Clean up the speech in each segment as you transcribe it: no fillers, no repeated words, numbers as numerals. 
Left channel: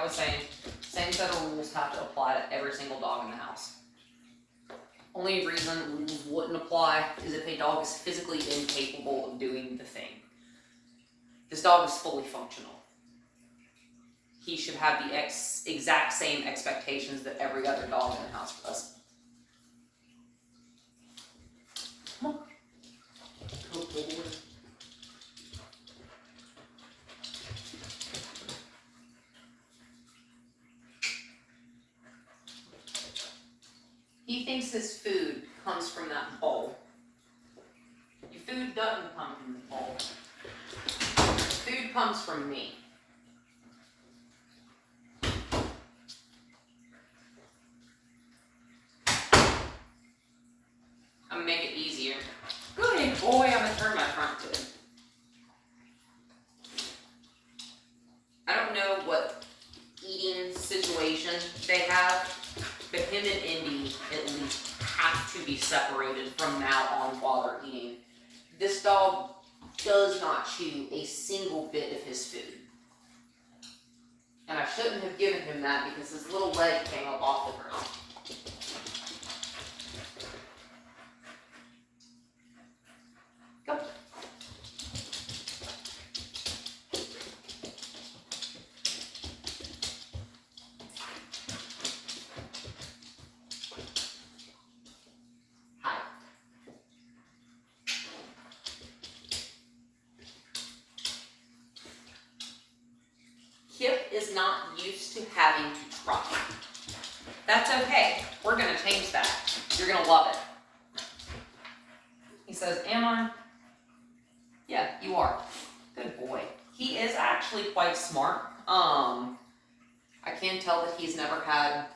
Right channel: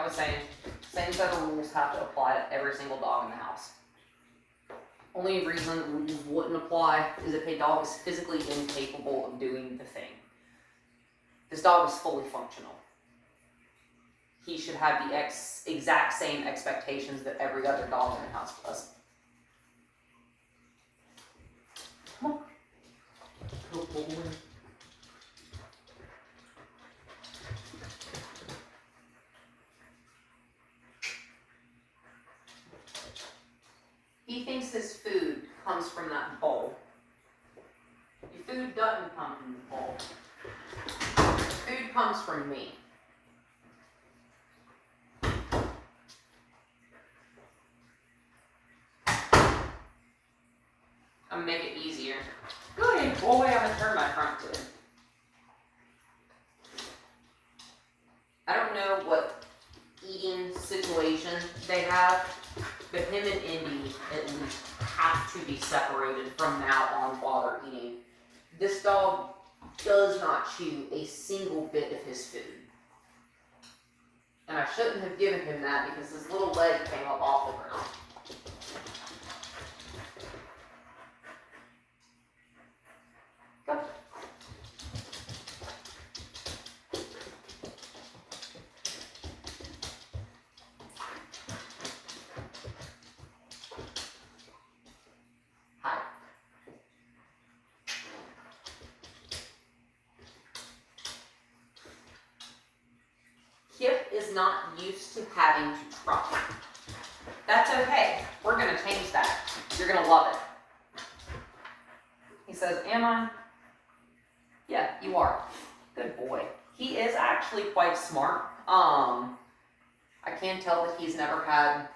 I was saying, same set of rules have to apply to every single dog in the house. Only reason rules wouldn't apply is if a dog is physically incapable of doing the thing. This dog is fully functional. He should have the exact same expectations that every other dog in the house does. Come on. Good boy. He thinks his food comes from that bowl. Your food doesn't come from the bowl. Food comes from me. I'm gonna make it easier. Good boy, I'm gonna turn my front to it. I don't know what eating situation they have, but him and Indy at least have to be separated from now on while they're eating. This dog does not chew a single bit of his food. And I shouldn't have given him that because his little leg came up off the ground. Go. Hi. Kip is not used to having to try. That's okay. We're going to change that. You're going to love it. He says, am I? Yeah, you are. Good boy. He is actually quite smart. I can tell that he's never had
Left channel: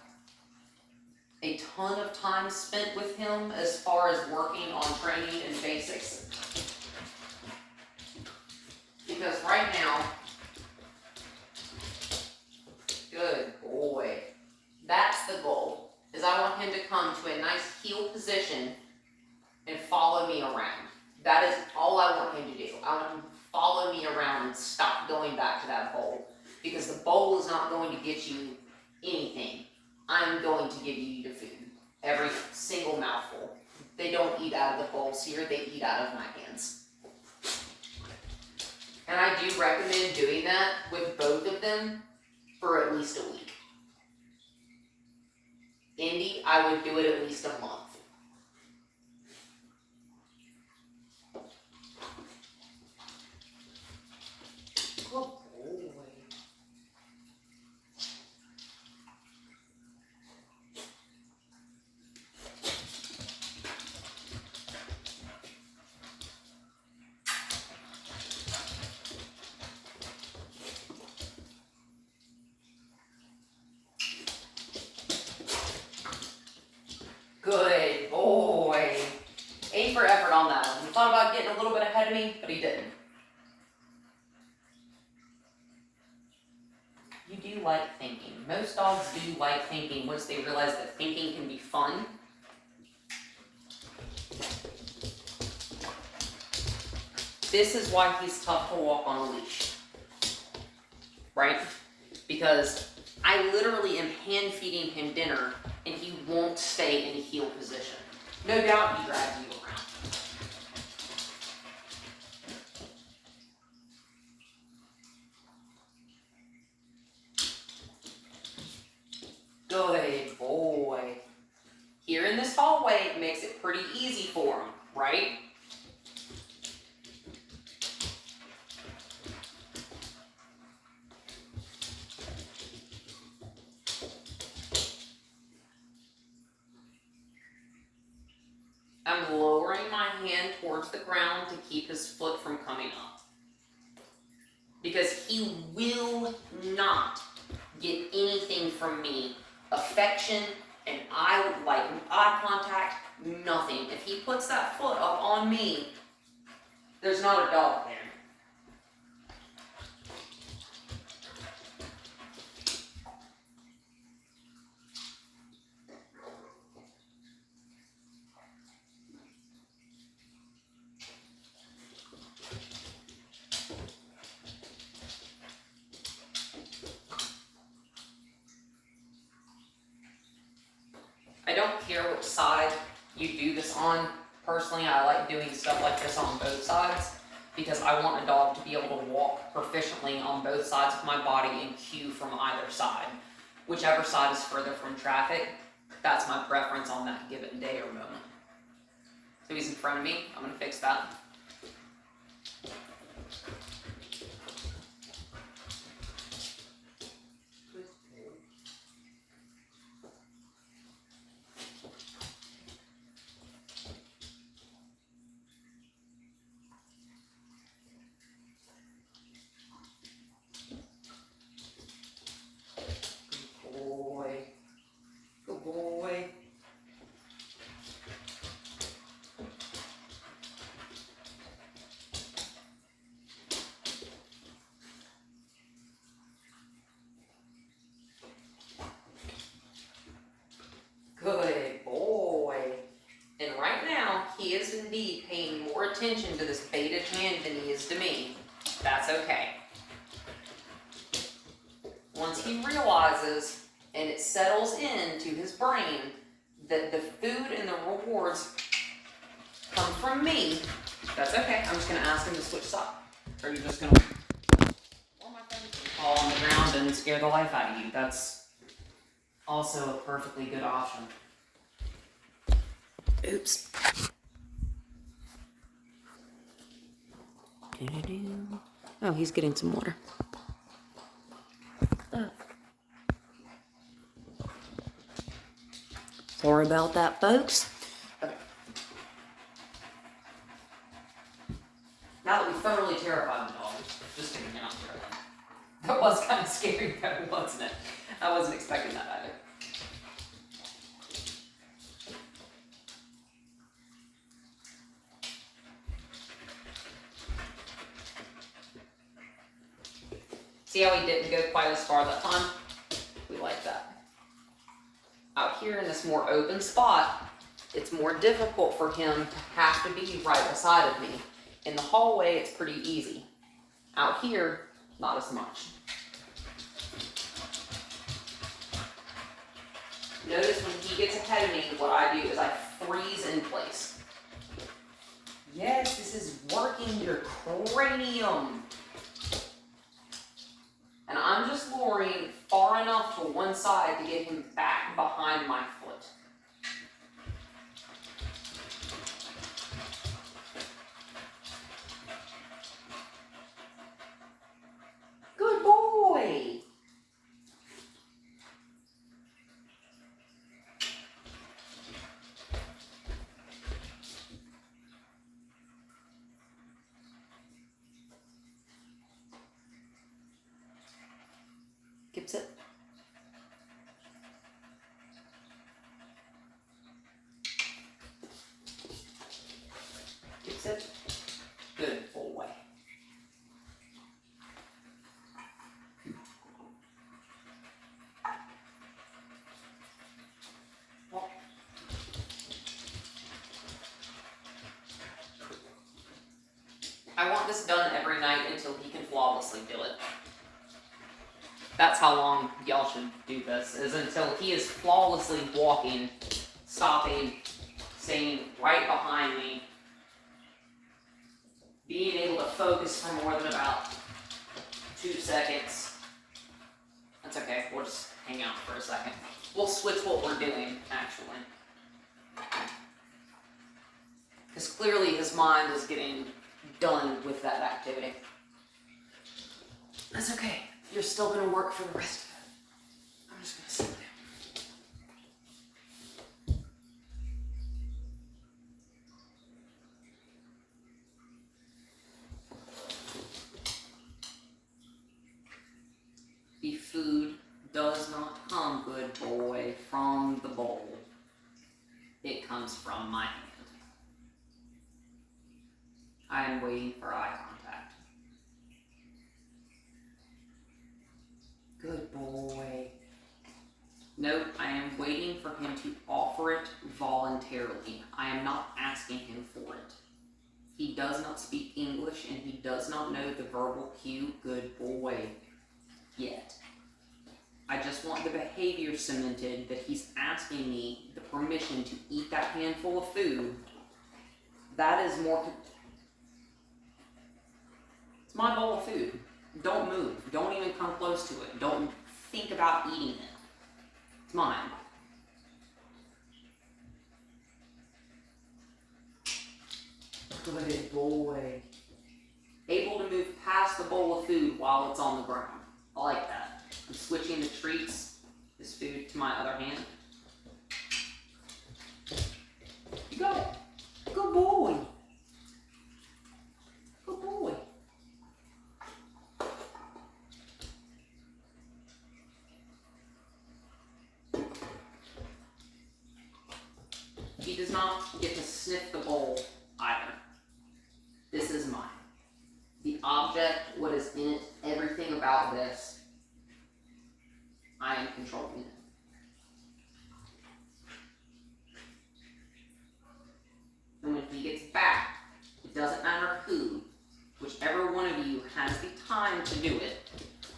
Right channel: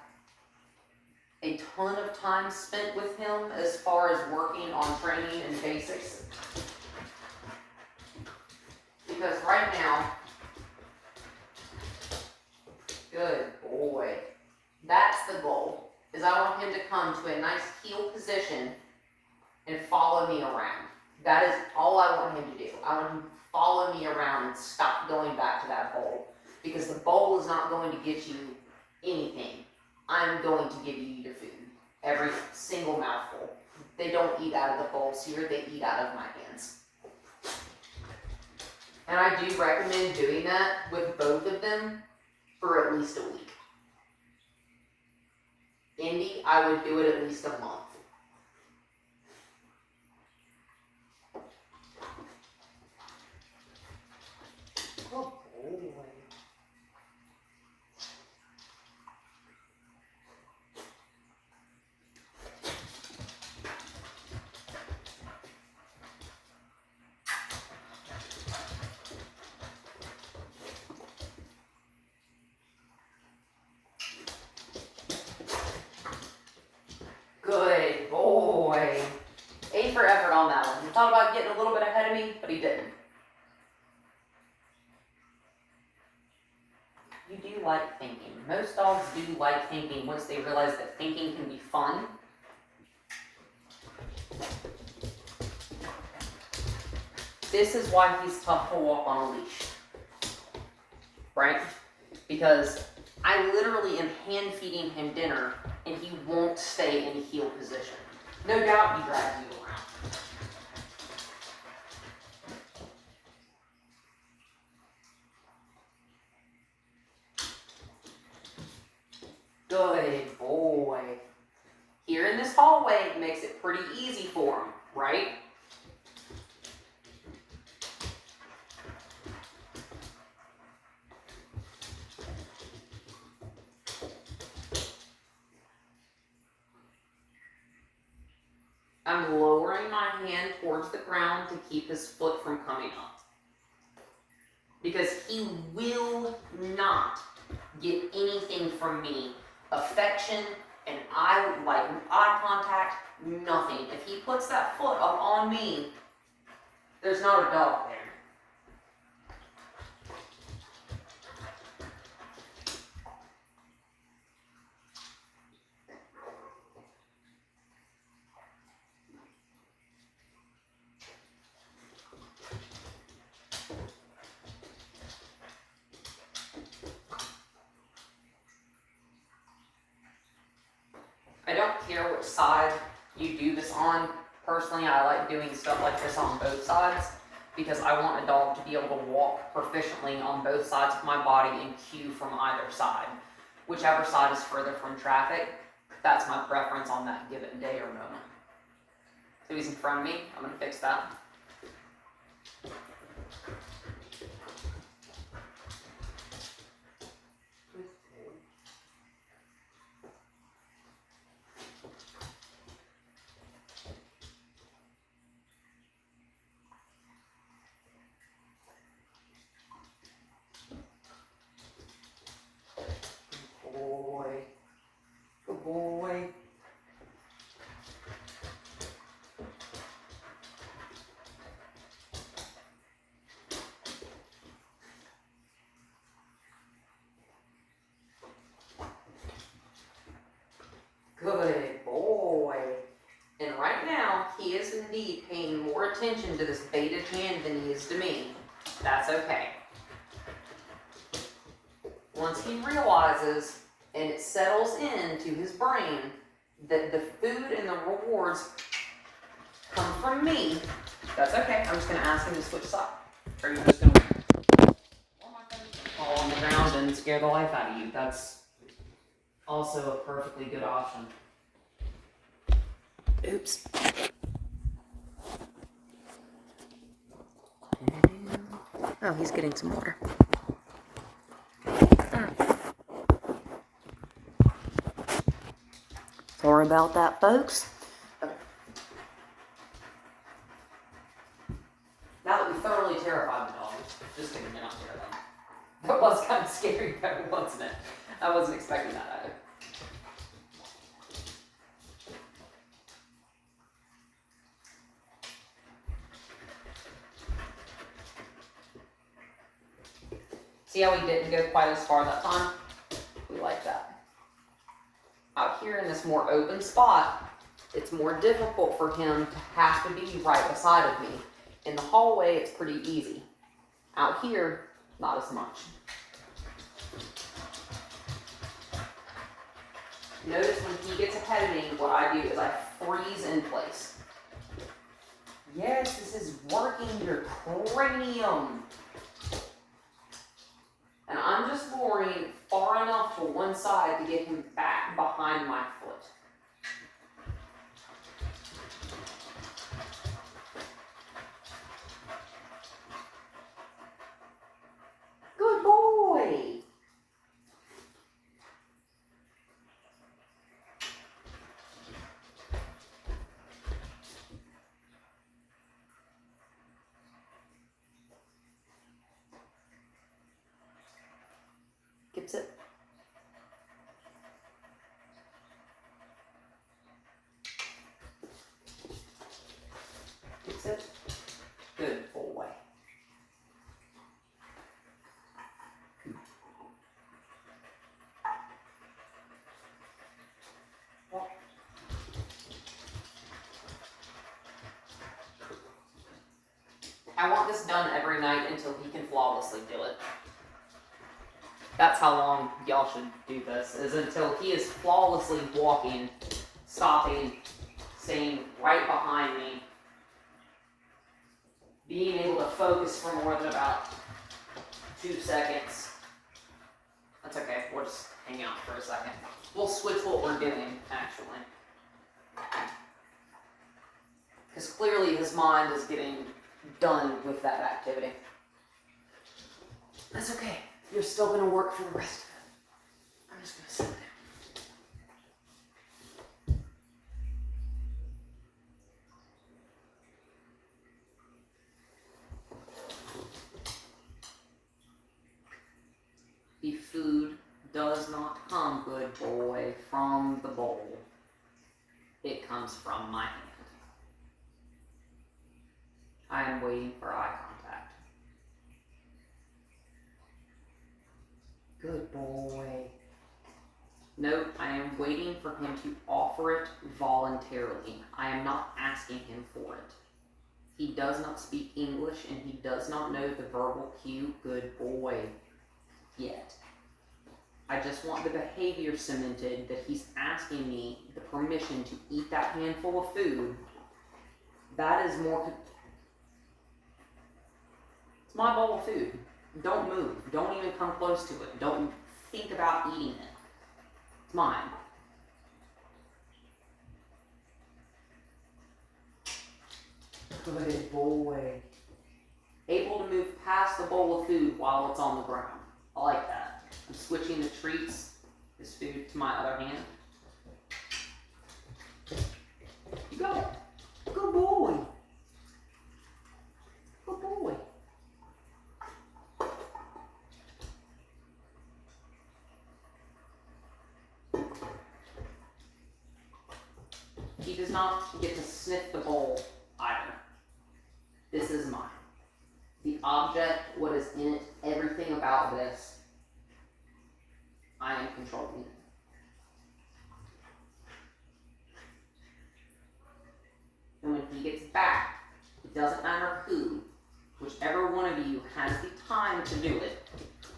a ton of time spent with him as far as working on training and basics. Because right now, good boy. That's the goal, is I want him to come to a nice heel position and follow me around. That is all I want him to do. I want him to follow me around and stop going back to that bowl. Because the bowl is not going to get you anything. I'm going to give you your food. Every single mouthful. They don't eat out of the bowls here, they eat out of my hands. And I do recommend doing that with both of them for at least a week. Indy, I would do it at least a month. Oh boy. Good boy. A for effort on that one. He thought about getting a little bit ahead of me, but he didn't. You do like thinking. Most dogs do like thinking once they realize that thinking can be fun. This is why he's tough to walk on a leash. Right? Because I literally am hand feeding him dinner and he won't stay in a heel position. No doubt he drags you around. Good boy. Here in this hallway, it makes it pretty easy for him, right? I'm lowering my hand towards the ground to keep his foot from coming up. Because he will not get anything from me. Affection and eye contact, nothing. If he puts that foot up on me, there's not a dog there. care which side you do this on. Personally, I like doing stuff like this on both sides because I want a dog to be able to walk proficiently on both sides of my body and cue from either side. Whichever side is further from traffic, that's my preference on that given day or moment. So he's in front of me, I'm gonna fix that. Good boy. Good boy. And right now, he is indeed paying more attention to this baited hand than he is to me. That's okay. Once he realizes and it settles into his brain that the food and the rewards come from me, that's okay. I'm just going to ask him to switch sides. Or you're just going to fall on the ground and scare the life out of you. That's also a perfectly good option. Oops. Oh, he's getting some water. Sorry about that, folks. Okay. Now that we thoroughly terrified the dog, just kidding, you're not terrified. That was kind of scary, though, wasn't it? I wasn't expecting that either. See how he didn't go quite as far that time? We like that. Out here in this more open spot, it's more difficult for him to have to be right beside of me. In the hallway, it's pretty easy. Out here, not as much. Notice when he gets ahead of me, what I do is I freeze in place. Yes, this is working your cranium. And I'm just lowering far enough to one side to get him back behind my foot. Good boy. Gets it. Gets it. Good boy. I want this done every night until he can flawlessly do it. That's how long y'all should do this, is until he is flawlessly walking, stopping, staying right behind me, being able to focus for more than about 2 seconds. That's okay, we'll just hang out for a second. We'll switch what we're doing, actually. Because clearly his mind is getting done with that activity. That's okay. You're still going to work for the rest of it. I'm just going to sit there. The food does not come, good boy, from the bowl. It comes from my hand. I am waiting for eye contact. Good boy. Note, I am waiting for him to offer it voluntarily. I am not asking him for it. He does not speak English and he does not know the verbal cue, good boy, yet. I just want the behavior cemented that he's asking me the permission to eat that handful of food. That is more. It's my bowl of food. Don't move. Don't even come close to it. Don't think about eating it. It's mine. Good boy. Able to move past the bowl of food while it's on the ground. I like that. I'm switching the treats, this food, to my other hand. You got it. Good boy. Good boy. He does not get to sniff the bowl either. This is mine. The object, what is in it, everything about this, I am controlling it. And when he gets back, it doesn't matter who, whichever one of you has the time to do it,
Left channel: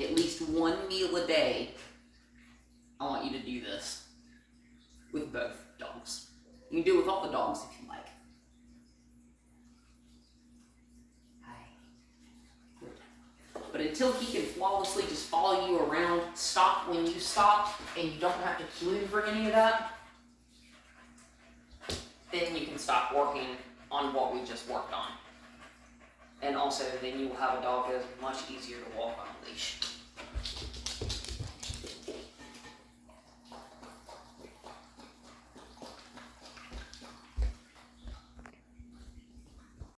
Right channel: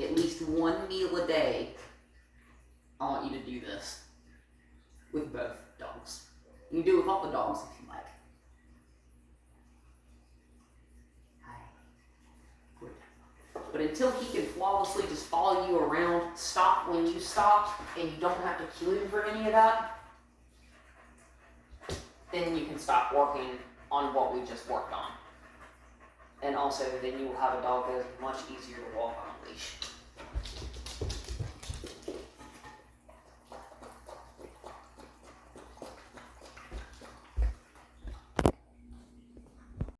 at least one meal a day, I want you to do this with both dogs. You can do it with all the dogs if you like. But until he can flawlessly just follow you around, stop when you stop, and you don't have to cue him for any of that, then you can stop working on what we just worked on. And also, then you will have a dog that is much easier to walk on a leash.